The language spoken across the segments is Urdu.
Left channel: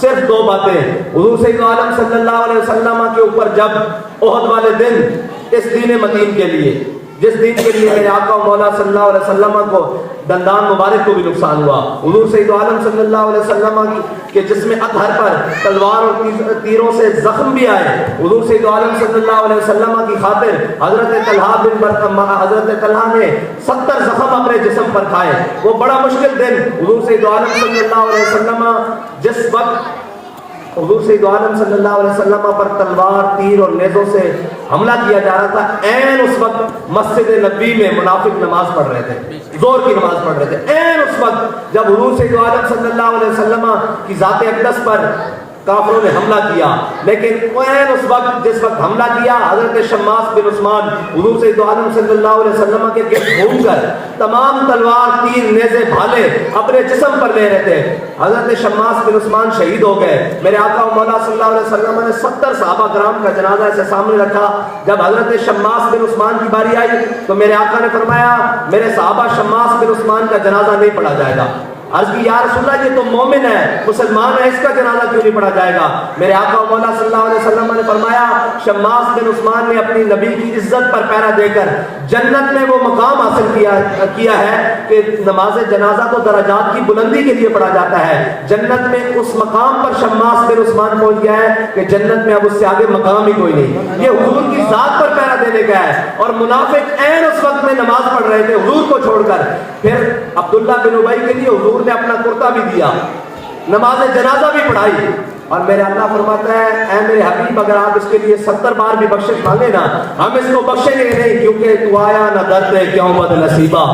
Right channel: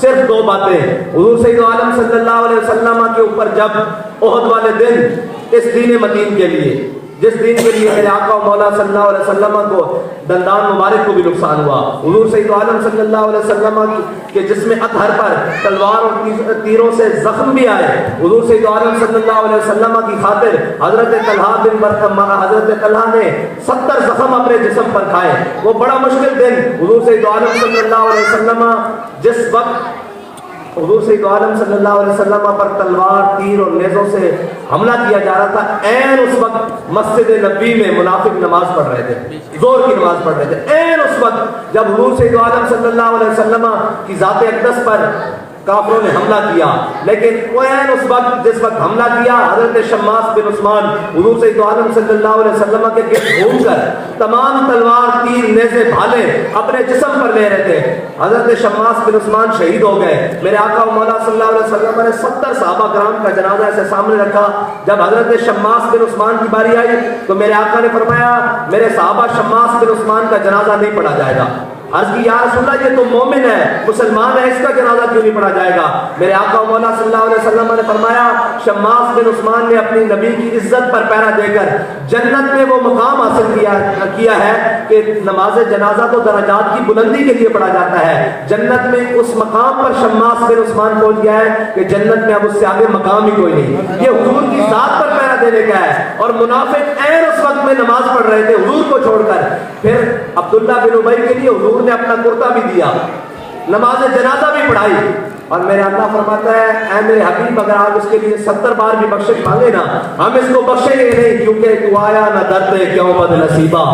صرف دو باتیں. حضور سید عالم صلی اللہ علیہ وسلم کے اوپر جب احد والے دن اس دین متین کے لیے, جس دین کے لیے میرے آقا مولا صلی اللہ علیہ وسلم کو دندان مبارک کو بھی نقصان ہوا, حضور سید عالم صلی اللہ علیہ وسلم کے جسم اطہر پر تلوار اور تیروں سے زخم بھی آئے, حضور سید عالم صلی اللہ علیہ وسلم کی خاطر حضرت طلحہ بن برقم حضرت طلحہ نے 70 زخم اپنے جسم پر کھائے. وہ بڑا مشکل دن حضور سید عالم صلی اللہ علیہ وسلم جس وقت حضور سید عالم صلی اللہ علیہ وسلم پر تلوار تیر اور نیزوں سے حملہ کیا جا رہا تھا, این اس وقت مسجد نبی میں منافق نماز پڑھ رہے تھے, زور کی نماز پڑھ رہے تھے. این اس وقت جب حضور سید عالم صلی اللہ علیہ وسلم کی ذات اقدس پر کافروں نے حملہ کیا, لیکن این اس وقت جس وقت حملہ کیا حضرت شماس بن عثمان حضور سید عالم صلی اللہ علیہ وسلم کے گرد گھوم کر تمام تلوار تیر نیزے بھالے اپنے جسم پر لے رہے تھے. حضرت شماس بن عثمان شہید ہو گئے. میرے آقا مولا صلی اللہ علیہ وسلم نے 70 صحابہ کرام کا جنازہ ایسے سامنے رکھا. جب حضرت شماس بن عثمان کی باری آئی تو میرے آقا نے فرمایا میرے صحابہ شماس بن عثمان کا جنازہ نہیں پڑھا جائے گا. عرض کی یا رسول اللہ یہ تو مومن ہے, مسلمان ہے, اس کا جنازہ کیوں نہیں پڑھا جائے گا؟ میرے آقا مولا صلی اللہ علیہ وسلم نے فرمایا شماس بن عثمان نے اپنی نبی کی عزت پر پہرا دے کر جنت میں وہ مقام حاصل کیا ہے کہ نماز جنازہ تو درجات کی بلندی کے لیے پڑھا جاتا ہے. جنت میں اس مقام پر شماس بن عثمان پہنچ گیا ہے کہ جنت میں اب اس سے آگے مقام ہی کوئی نہیں. یہ حضور کی ذات پر پہرا دینے کا ہے. اور منافق این اس وقت میں نماز پڑھ رہے تھے حضور کو چھوڑ کر. پھر عبداللہ بن ابی کے لیے حضور نے اپنا کرتا بھی دیا, نماز جنازہ بھی پڑھائی. اور میرا اللہ فرماتا ہے اے میرے حبیب اگر آپ اس کے لیے 70 بار بھی بخشش کھا لینا ہم اس کو بخشیں گے نہیں, کیونکہ تو آیا نہ درتے کیوں بد نصیبہ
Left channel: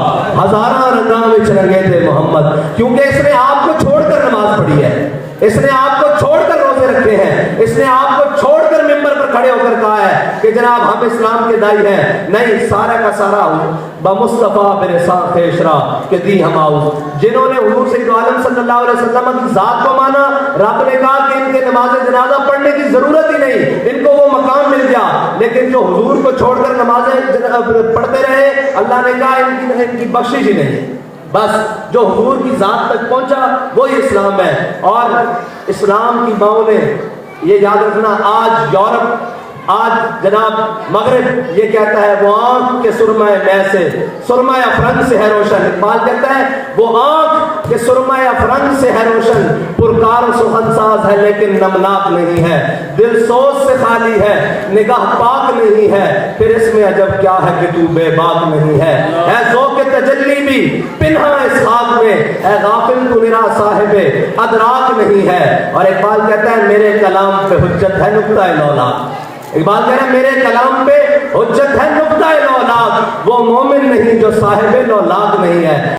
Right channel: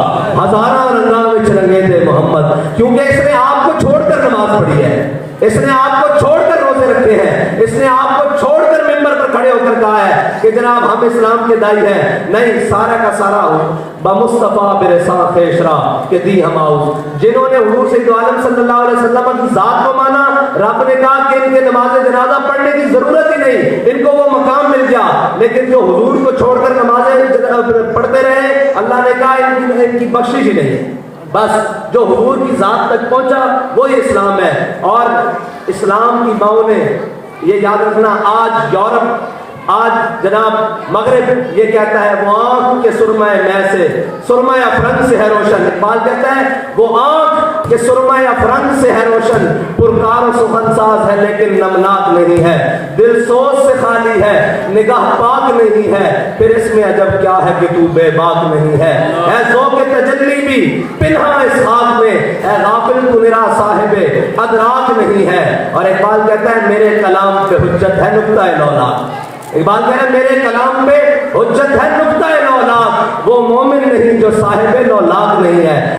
ہزارہ رنگاں وچ رنگے تھے محمد. کیونکہ اس نے آپ کو چھوڑ کر نماز پڑھی ہے, اس نے آپ کو چھوڑ کر روزے رکھے ہیں, اس نے آپ کو چھوڑ کر ممبر پر کھڑے ہو کر کہا ہے کہ جناب ہم اسلام کے دائی ہیں. نہیں, سارا کا سارا ہوں بمصطفیٰ برسان خیشرا کہ دی ہم آؤ. جنہوں نے حضور سید عالم صلی اللہ علیہ وسلم کی ذات کو مانا, رب نے کہا کہ ان کے نماز جنازہ پڑھنے کی ضرورت ہی نہیں, ان کو وہ مقام مل گیا. لیکن جو حضور کو چھوڑ کر نمازیں پڑھتے رہے اللہ نے کہا ان کی بخشش ہی نہیں. بس جو حضور کی ذات تک پہنچا وہی اسلام ہے. اور اسلام کی ماؤں نے یہ یاد رکھنا, آج یورپ, آج جناب مغرب یہ کہتا ہے وہ آنکھ کے سرمہ میں سے سرمہ افرنگ سے ہے روشن. اقبال کہتا ہے وہ آنکھ کے سرمہ افرنگ سے ہے روشن, پرکار و سخن ساز ہے لیکن نمناک نہیں ہے, دل سوز سے خالی ہے نگاہ پاک نہیں ہے, پھر اس میں عجب کیا ہے کہ تو بے باک نہیں ہے. اے ذوق تجلی بھی پنہا اس خواب میں, اے غافل تو میرا صاحب ادراک نہیں ہے. اور اقبال کہتا ہے میرے کلام پہ حجت ہے نقطہ لولا. اقبال کہہ رہا ہے میرے کلام پہ حجت ہے